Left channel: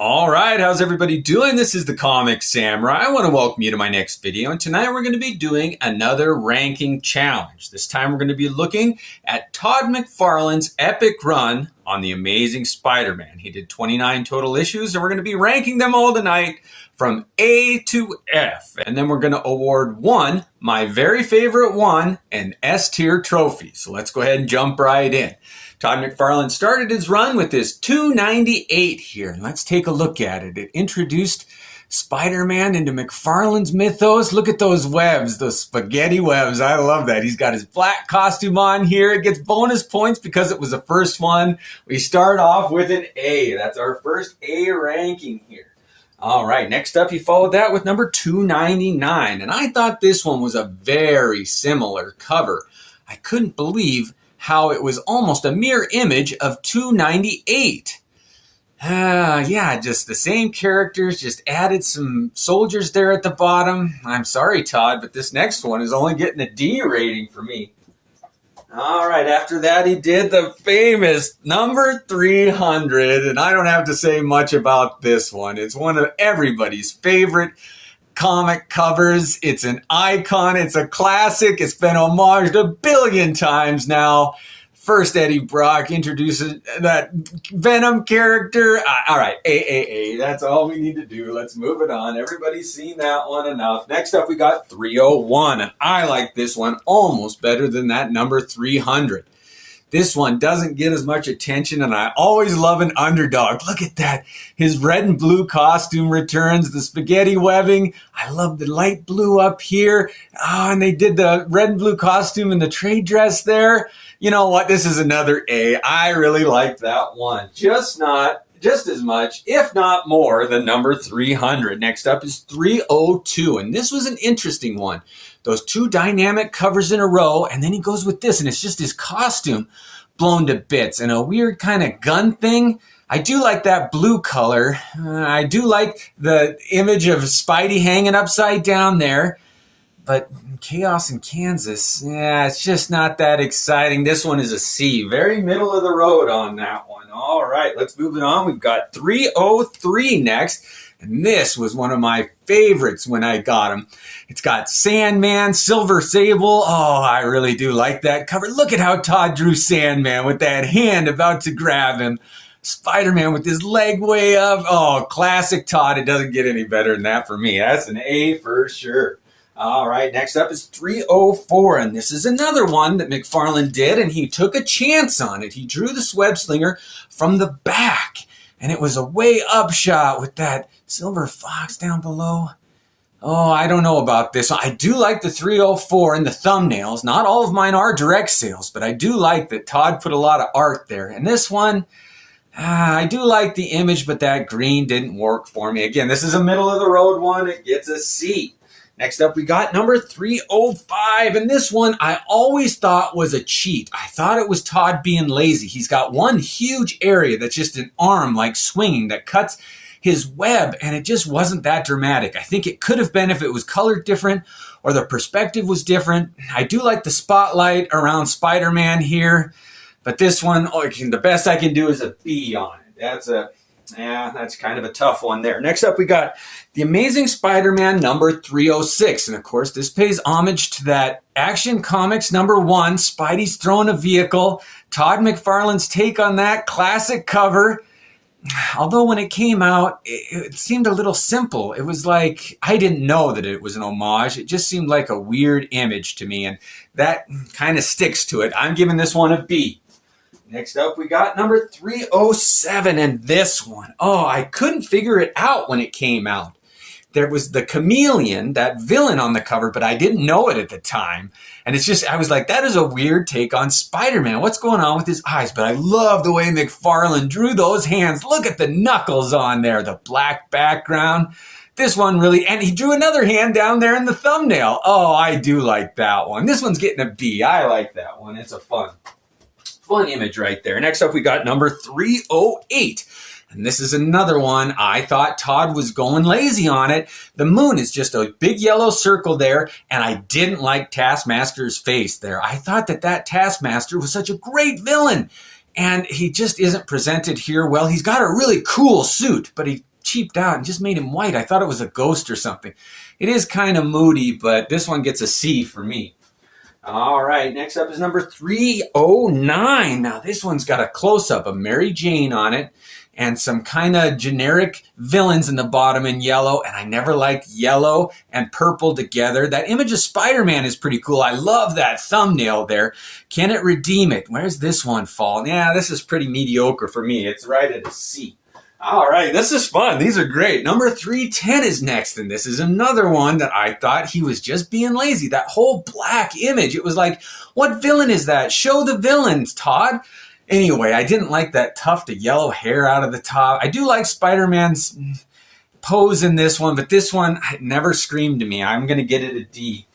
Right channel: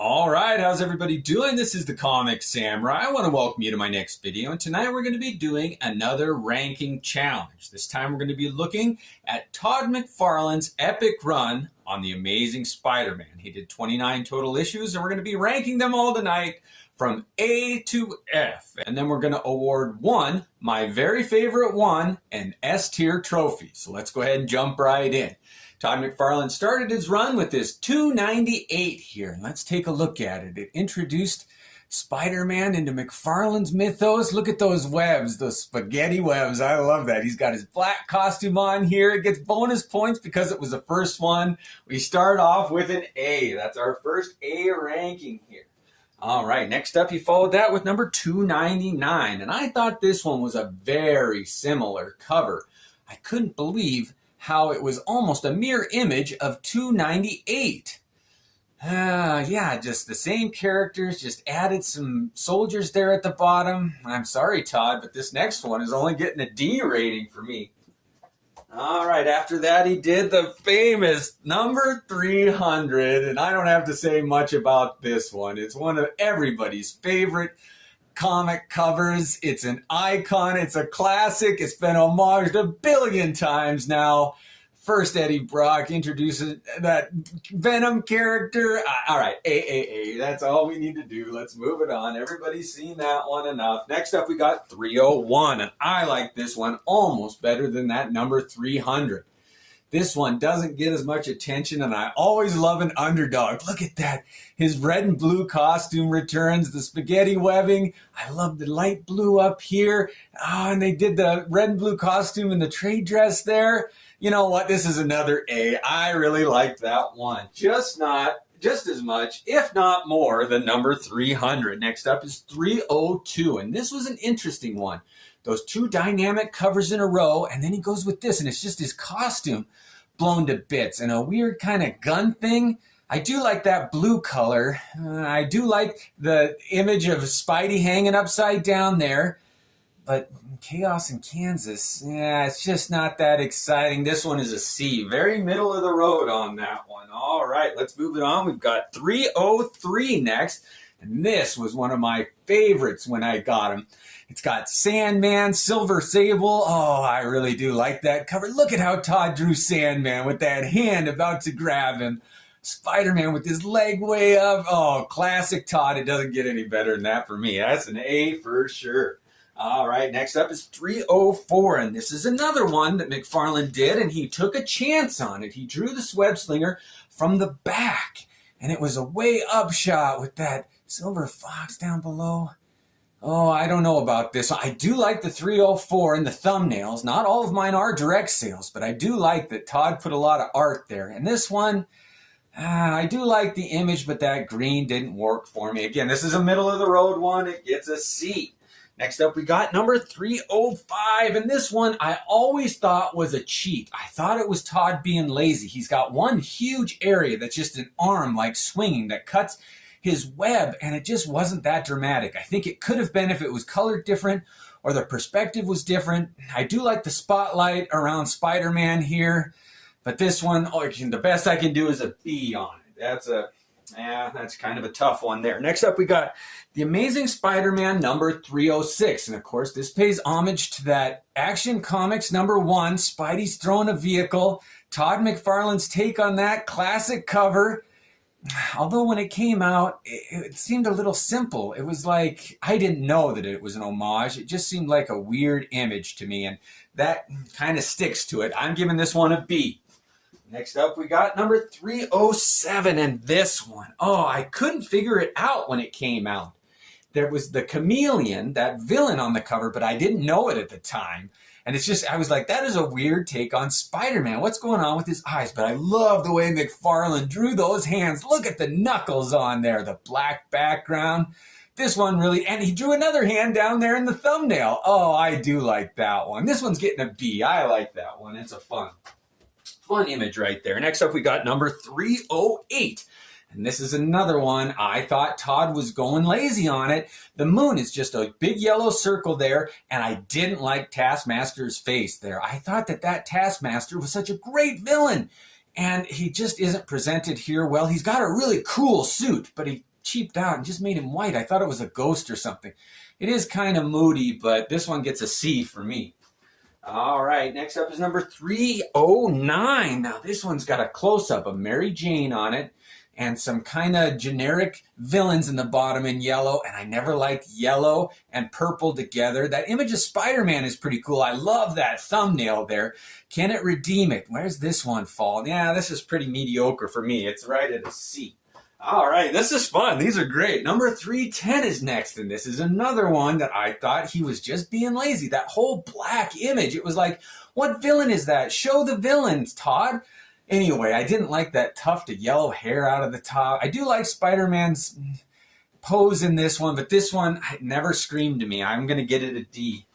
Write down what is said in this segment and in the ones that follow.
All right, how's everybody doing? This is the Comic Samurai. I want to welcome you to my next video, and tonight we're going to be doing another ranking challenge. This time we're going to be looking at Todd McFarlane's epic run on The Amazing Spider-Man. He did 29 total issues, and we're going to be ranking them all tonight from A to F. And then we're going to award one, my very favorite one, an S-tier trophy. So let's go ahead and jump right in. Todd McFarlane started his run with this 298 here. Let's take a look at it. It introduced Spider-Man into McFarlane's mythos. Look at those webs, those spaghetti webs. I love that. He's got his black costume on here. It gets bonus points because it was the first one. We start off with an A. That's our first A ranking here. All right, next up, he followed that with number 299. And I thought this one was a very similar cover. I couldn't believe how it was almost a mirror image of 298. Yeah, just the same characters, just added some soldiers there at the bottom. I'm sorry, Todd, but this next one is only getting a D rating for me. All right, after that, he did the famous number 300, and I don't have to say much about this one. It's one of everybody's favorite comic covers. It's an icon. It's a classic. It's been homaged a billion times now. First, Eddie Brock introduces that Venom character. All right, A. That's all we need to do. Let's move it on. Everybody's seen that one enough. Next up, we got 301. And I like this one almost better than that number 300. This one doesn't get as much attention, and I always love an underdog. Look at that. His red and blue costume returns, the spaghetti webbing. I love the light blue up here. Oh, and they did the red and blue costume and the trade dress there. You know what? This is another A. I really like that one. Just as much, if not more, than number 300. Next up is 302, and this was an interesting one. Those two dynamic covers in a row, and then he goes with this, and it's just his costume blown to bits and a weird kind of gun thing. I do like that blue color. I do like the image of Spidey hanging upside down there, but Chaos in Kansas, yeah, it's just not that exciting. This one is a C, very middle of the road on that one. All right, let's move it on. We've got 303 next. And this was one of my favorites when I got him. It's got Sandman, Silver Sable. Oh, I really do like that cover. Look at how Todd drew Sandman with that hand about to grab him. Spider-Man with his leg way up. Oh, classic Todd. It doesn't get any better than that for me. That's an A for sure. All right, next up is 304, and this is another one that McFarlane did, and he took a chance on it. He drew the web slinger from the back, and it was a way up shot with that silver fox down below. Oh, I don't know about this. I do like the 304 and the thumbnails. Not all of mine are direct sales, but I do like that Todd put a lot of art there. And this one, I do like the image, but that green didn't work for me. Again, this is a middle of the road one. It gets a C. Next up, we got number 305, and this one I always thought was a cheat. I thought it was Todd being lazy. He's got one huge area that's just an arm like swinging that cuts his web, and it just wasn't that dramatic. I think it could have been if it was colored different or the perspective was different. I do like the spotlight around Spider-Man here, but this one, the best I can do is a B on it. That's kind of a tough one there. Next up, we got The Amazing Spider-Man number 306. And of course, this pays homage to that Action Comics number 1, Spidey's throwing a vehicle. Todd McFarlane's take on that classic cover. Although when it came out, it seemed a little simple. It was like, I didn't know that it was an homage. It just seemed like a weird image to me. And that kind of sticks to it. I'm giving this one a B. Next up, we got number 307, and this one. Oh, I couldn't figure it out when it came out. There was the chameleon, that villain on the cover, but I didn't know it at the time. And it's just, I was like, that is a weird take on Spider-Man. What's going on with his eyes? But I love the way McFarlane drew those hands. Look at the knuckles on there, the black background. This one really, and he drew another hand down there in the thumbnail. Oh, I do like that one. This one's getting a B. I like that one. It's a fun image right there. Next up, we got number 308. And this is another one. I thought Todd was going lazy on it. The moon is just a big yellow circle there, and I didn't like Taskmaster's face there. I thought that Taskmaster was such a great villain, and he just isn't presented here well. He's got a really cool suit, but he cheaped out and just made him white. I thought it was a ghost or something. It is kind of moody, but this one gets a C for me. All right, next up is number 309. Now, this one's got a close-up of Mary Jane on it and some kind of generic villains in the bottom in yellow, and I never liked yellow and purple together. That image of Spider-Man is pretty cool. I love that thumbnail there. Can it redeem it? Where's this one fall? Yeah, this is pretty mediocre for me. It's right at a C. All right, this is fun. These are great. Number 310 is next, and this is another one that I thought he was just being lazy. That whole black image, it was like, what villain is that? Show the villains, Todd. Anyway, I didn't like that tuft of yellow hair out of the top. I do like Spider-Man's pose in this one, but this one never screamed to me. I'm going to get it a D.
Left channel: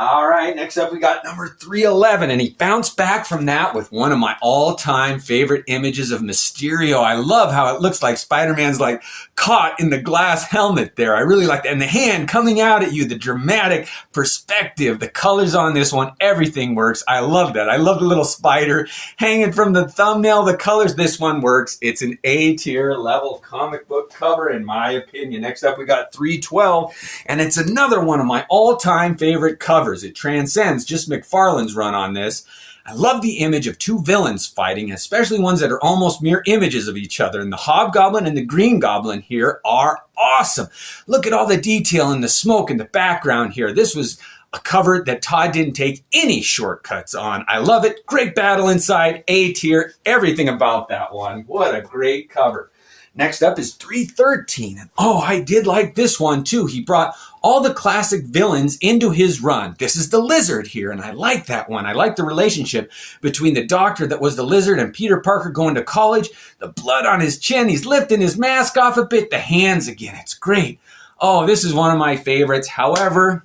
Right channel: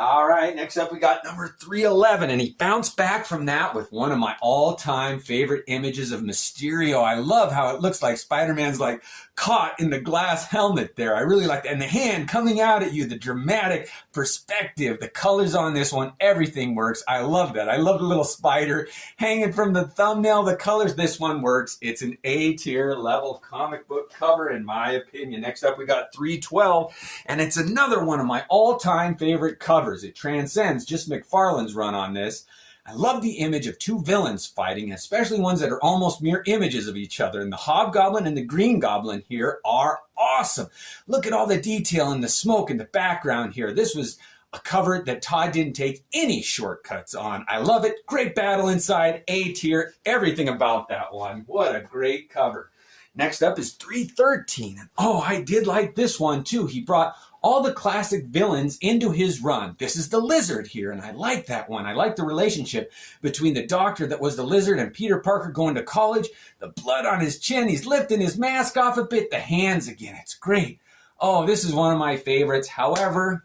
All right, next up we got number 311, and he bounced back from that with one of my all-time favorite images of Mysterio. I love how it looks like Spider-Man's like caught in the glass helmet there. I really like that. And the hand coming out at you, the dramatic perspective, the colors on this one, everything works. I love that. I love the little spider hanging from the thumbnail, the colors. This one works. It's an A-tier level comic book cover in my opinion. Next up we got 312, and it's another one of my all-time favorite covers. It transcends just McFarlane's run on this. I love the image of two villains fighting, especially ones that are almost mirror images of each other. And the Hobgoblin and the Green Goblin here are awesome. Look at all the detail in the smoke in the background here. This was a cover that Todd didn't take any shortcuts on. I love it. Great battle inside, A tier, everything about that one. What a great cover. Next up is 313. And oh, I did like this one too. He brought all the classic villains into his run. This is the Lizard here, and I like that one. I like the relationship between the doctor that was the Lizard and Peter Parker going to college. The blood on his chin, he's lifting his mask off a bit. The hands again, it's great. Oh, this is one of my favorites. However,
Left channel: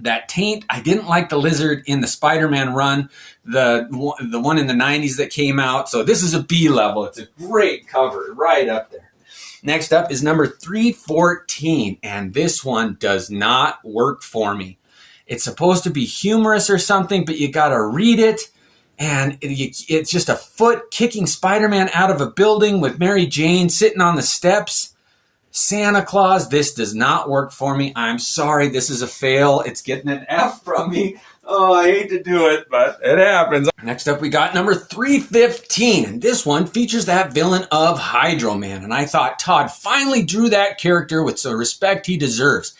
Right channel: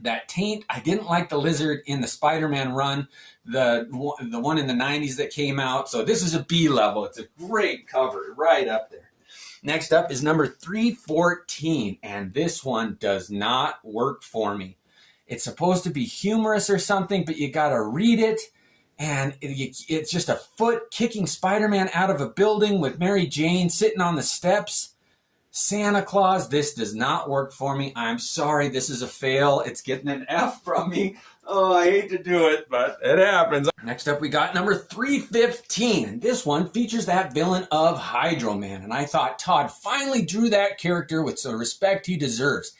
that taint, I didn't like the Lizard in the Spider-Man run, the one in the 90s that came out. So this is a B level. It's a great cover, right up there. Next up is number 314, and this one does not work for me. It's supposed to be humorous or something, but you gotta read it, and it's just a foot kicking Spider-Man out of a building with Mary Jane sitting on the steps. Santa Claus, this does not work for me. I'm sorry, this is a fail. It's getting an F from me. Oh, I hate to do it, but it happens. Next up, we got number 315, and this one features that villain of Hydro Man, and I thought Todd finally drew that character with the respect he deserves.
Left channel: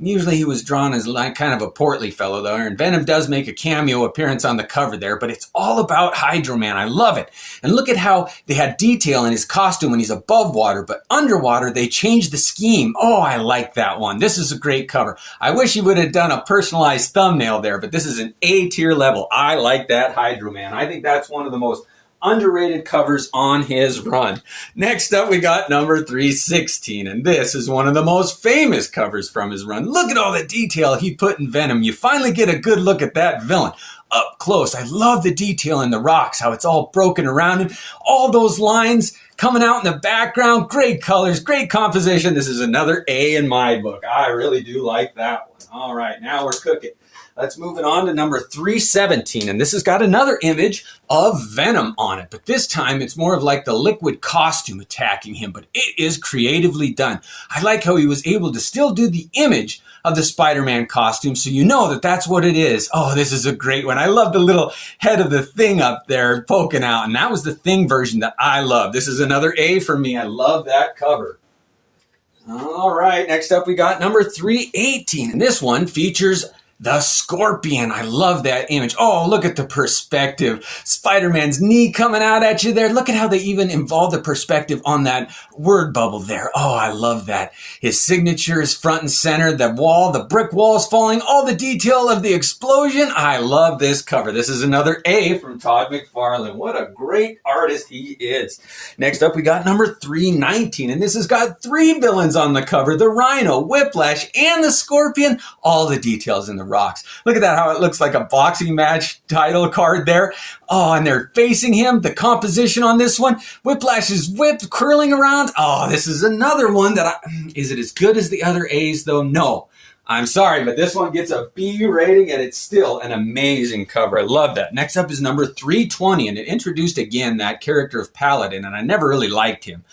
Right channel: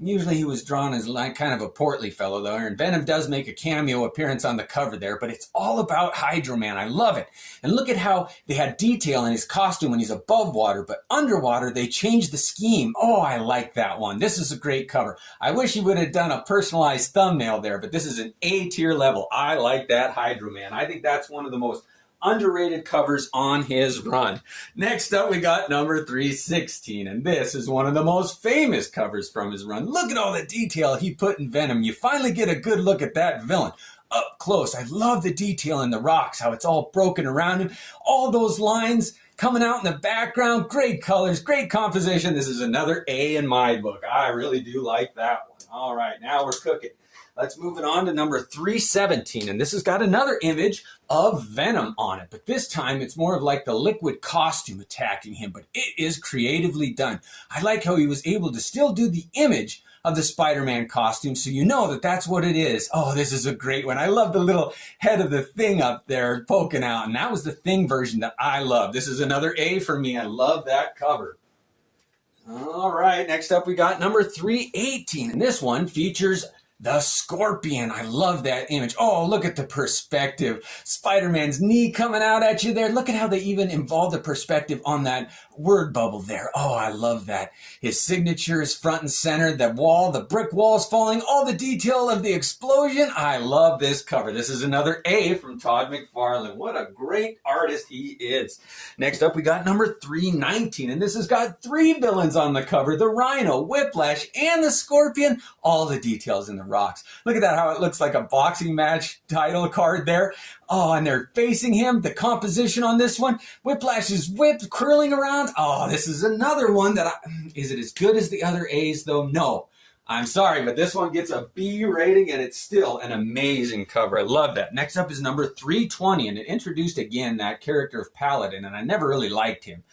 Usually he was drawn as like kind of a portly fellow though, and Venom does make a cameo appearance on the cover there, but it's all about Hydro Man. I love it. And look at how they had detail in his costume when he's above water, but underwater they changed the scheme. Oh, I like that one. This is a great cover. I wish he would have done a personalized thumbnail there, but this is an A tier level. I like that Hydro Man. I think that's one of the most underrated covers on his run. Next up, we got number 316, and this is one of the most famous covers from his run. Look at all the detail he put in Venom. You finally get a good look at that villain up close. I love the detail in the rocks, how it's all broken around him. All those lines coming out in the background. Great colors, great composition. This is another A in my book. I really do like that one. All right, now we're cooking. Let's move it on to number 317, and this has got another image of Venom on it, but this time it's more of like the liquid costume attacking him, but it is creatively done. I like how he was able to still do the image of the Spider-Man costume, so you know that that's what it is. Oh, this is a great one. I love the little head of the Thing up there poking out, and that was the Thing version that I love. This is another A for me. I love that cover. All right, next up we got number 318, and this one features the Scorpion. I love that image. Oh, look at the perspective. Spider-Man's knee coming out at you there. Look at how they even involve the perspective on that word bubble there. Oh, I love that. His signature is front and center. The wall, the brick walls falling, all the detail of the explosion. I love this cover. This is another A from Todd McFarlane. What a great artist he is. Next up, we got number 319, and this has got three villains on the cover. The Rhino, Whiplash, and the Scorpion. All the details in the rocks. Look at that, how it looks like a boxing match title card there. Oh, and they're facing him. The composition on this one, Whiplash's whip curling around. Oh, this is another one that is it as good as the other A's though? No. I'm sorry, but this one gets a B rating, and it's still an amazing cover. I love that. Next up is number 320, and it introduced again that character of Paladin, and I never really liked him.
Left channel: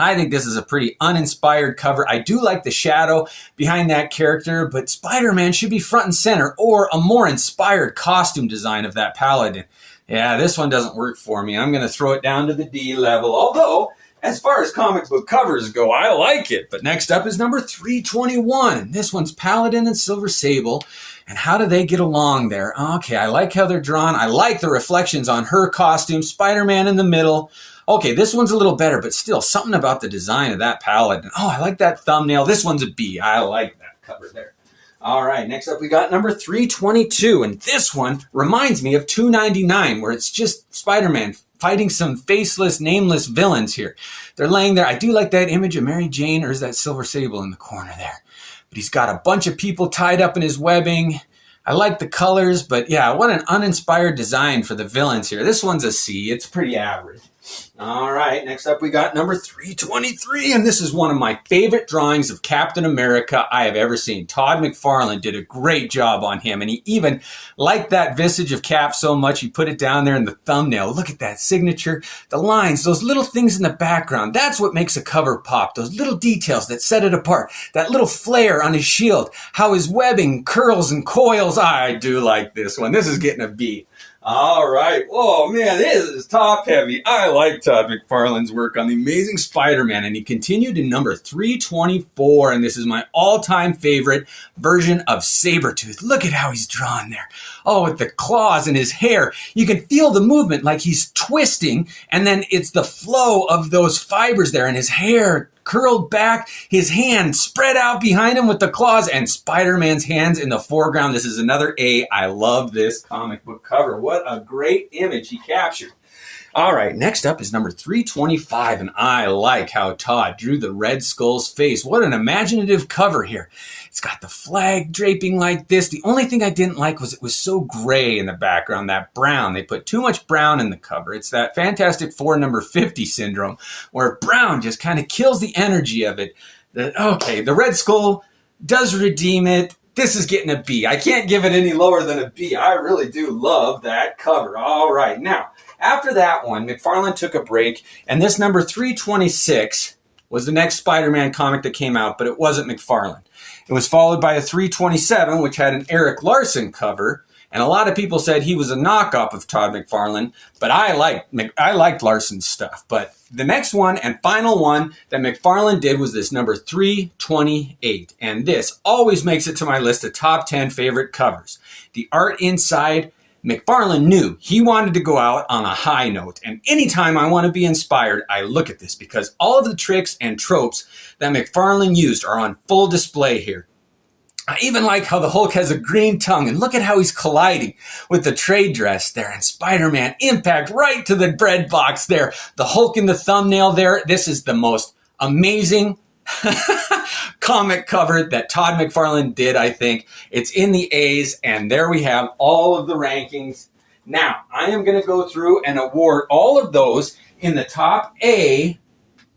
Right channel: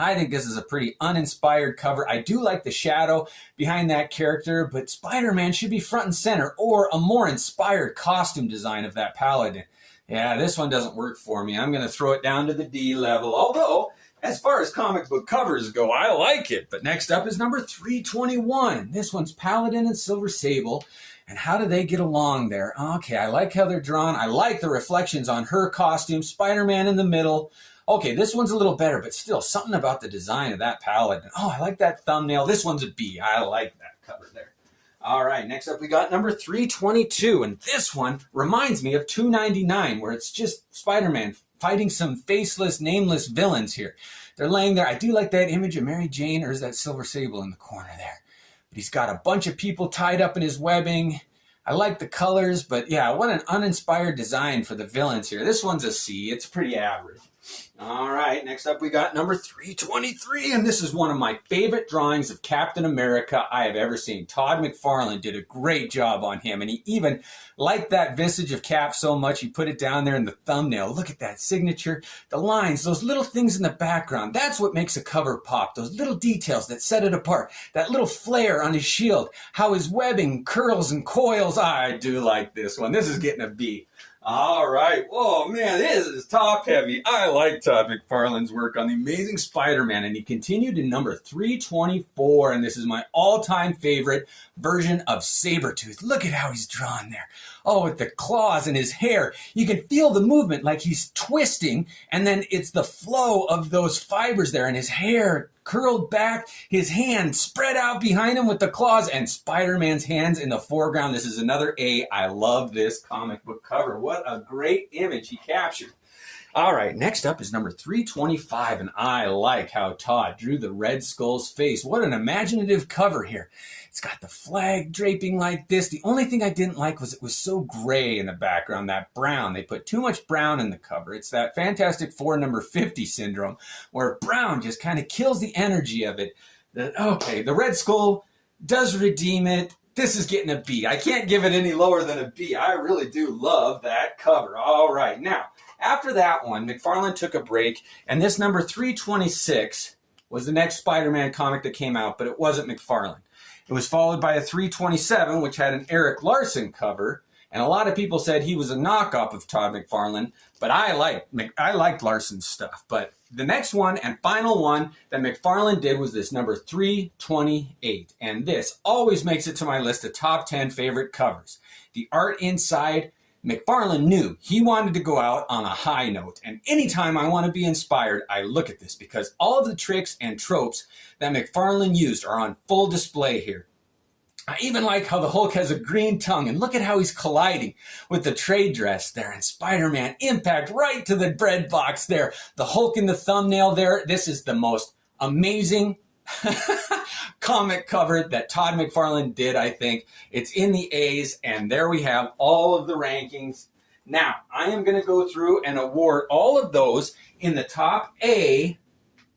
I think this is a pretty uninspired cover. I do like the shadow behind that character, but Spider-Man should be front and center, or a more inspired costume design of that Paladin. Yeah, this one doesn't work for me. I'm going to throw it down to the D level, although as far as comic book covers go, I like it. But next up is number 321, and this one's Paladin and Silver Sable. And how do they get along there? Okay, I like how they're drawn. I like the reflections on her costume. Spider-Man in the middle. Okay, this one's a little better, but still something about the design of that Paladin. Oh, I like that thumbnail. This one's a B. I like that cover there. All right, next up we got number 322. And this one reminds me of 299, where it's just Spider-Man fighting some faceless, nameless villains here. They're laying there. I do like that image of Mary Jane, or is that Silver Sable in the corner there? But he's got a bunch of people tied up in his webbing. I like the colors, but yeah, what an uninspired design for the villains here. This one's a C. It's pretty average. All right, next up we got number 323, and this is one of my favorite drawings of Captain America I have ever seen. Todd McFarlane did a great job on him, and he even liked that visage of Cap so much he put it down there in the thumbnail. Look at that signature, the lines, those little things in the background. That's what makes a cover pop, those little details that set it apart. That little flare on his shield, how his webbing curls and coils. I do like this one. This is getting a B. All right. Oh, man, this is top heavy. I like Todd McFarlane's work on The Amazing Spider-Man, and he continued in number 324, and this is my all-time favorite version of Sabretooth. Look at how he's drawn there. Oh, with the claws in his hair. You can feel the movement like he's twisting, and then it's the flow of those fibers there, and his hair curled back, his hand spread out behind him with the claws, and Spider-Man's hands in the foreground. This is another A. I love this comic book cover. What a great image he captured. All right, next up is number 325, and I like how Todd drew the Red Skull's face. What an imaginative cover here. It's got the flag draping like this. The only thing I didn't like was it was so gray in the background, that brown. They put too much brown in the cover. It's that Fantastic Four number 50 syndrome, where brown just kind of kills the energy of it. Okay, the Red Skull does redeem it. This is getting a B. I can't give it any lower than a B. I really do love that cover. All right, now, after that one, McFarlane took a break, and this number 326 was the next Spider-Man comic that came out, but it wasn't McFarlane. It was followed by a 327, which had an Eric Larson cover, and a lot of people said he was a knockoff of Todd McFarlane, but I liked Larson's stuff. But the next one and final one that McFarlane did was this number 328, and this always makes it to my list of top 10 favorite covers. The art inside, McFarlane knew he wanted to go out on a high note, and anytime I want to be inspired, I look at this because all of the tricks and tropes that McFarlane used are on full display here. I even like how the Hulk has a green tongue, and look at how he's colliding with the trade dress there, and Spider-Man impact right to the bread box there. The Hulk in the thumbnail there. This is the most amazing comic cover that Todd McFarlane did, I think. It's in the A's, and there we have all of the rankings. Now, I am going to go through and award all of those in the top A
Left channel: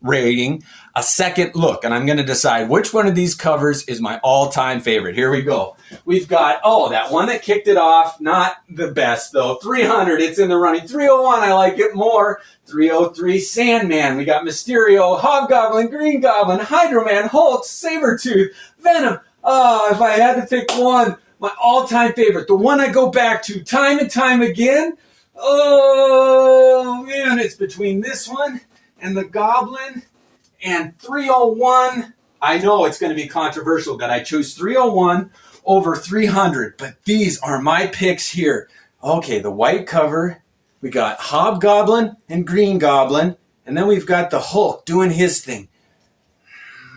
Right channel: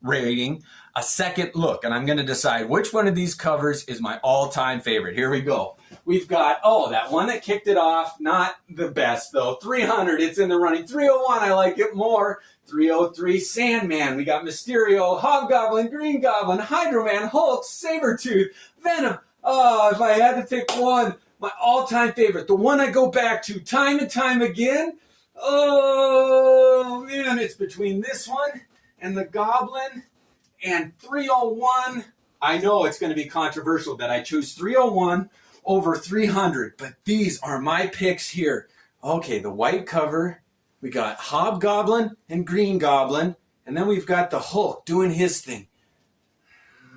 rating a second look, and I'm going to decide which one of these covers is my all-time favorite. Here we go. We've got, that one that kicked it off, not the best though. 300, it's in the running. 301, I like it more. 303, Sandman. We got Mysterio, Hobgoblin, Green Goblin, Hydro Man, Hulk, Sabretooth, Venom. If I had to pick one, my all-time favorite, the one I go back to time and time again. Oh man, it's between this one and the Goblin and 301. I know it's going to be controversial that I chose 301 over 300, but these are my picks here. Okay, the white cover, we got Hobgoblin and Green Goblin, and then we've got the Hulk doing his thing.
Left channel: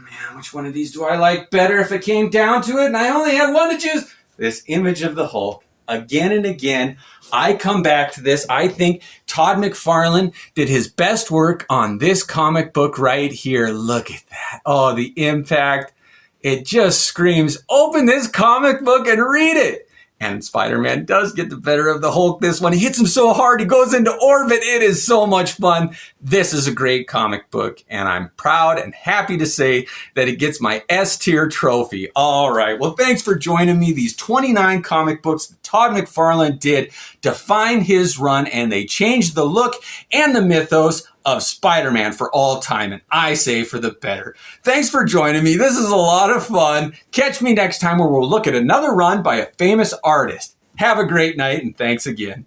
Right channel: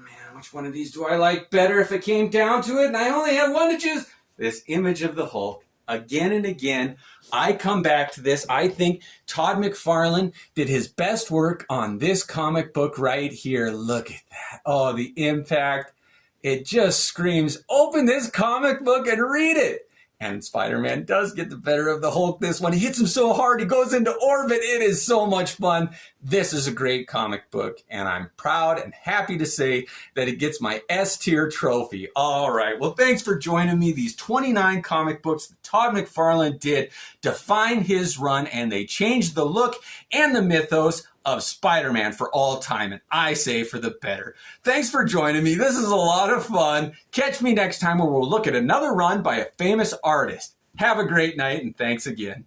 Man, which one of these do I like better if it came down to it? And I only had one to choose. This image of the Hulk. Again and again, I come back to this. I think Todd McFarlane did his best work on this comic book right here. Look at that. Oh, the impact. It just screams, open this comic book and read it. And Spider-Man does get the better of the Hulk this one. He hits him so hard, he goes into orbit. It is so much fun. This is a great comic book, and I'm proud and happy to say that it gets my S-tier trophy. All right, well, thanks for joining me. These 29 comic books that Todd McFarlane did define his run, and they changed the look and the mythos of Spider-Man for all time, and I say for the better. Thanks for joining me. This is a lot of fun. Catch me next time where we'll look at another run by a famous artist. Have a great night, and thanks again.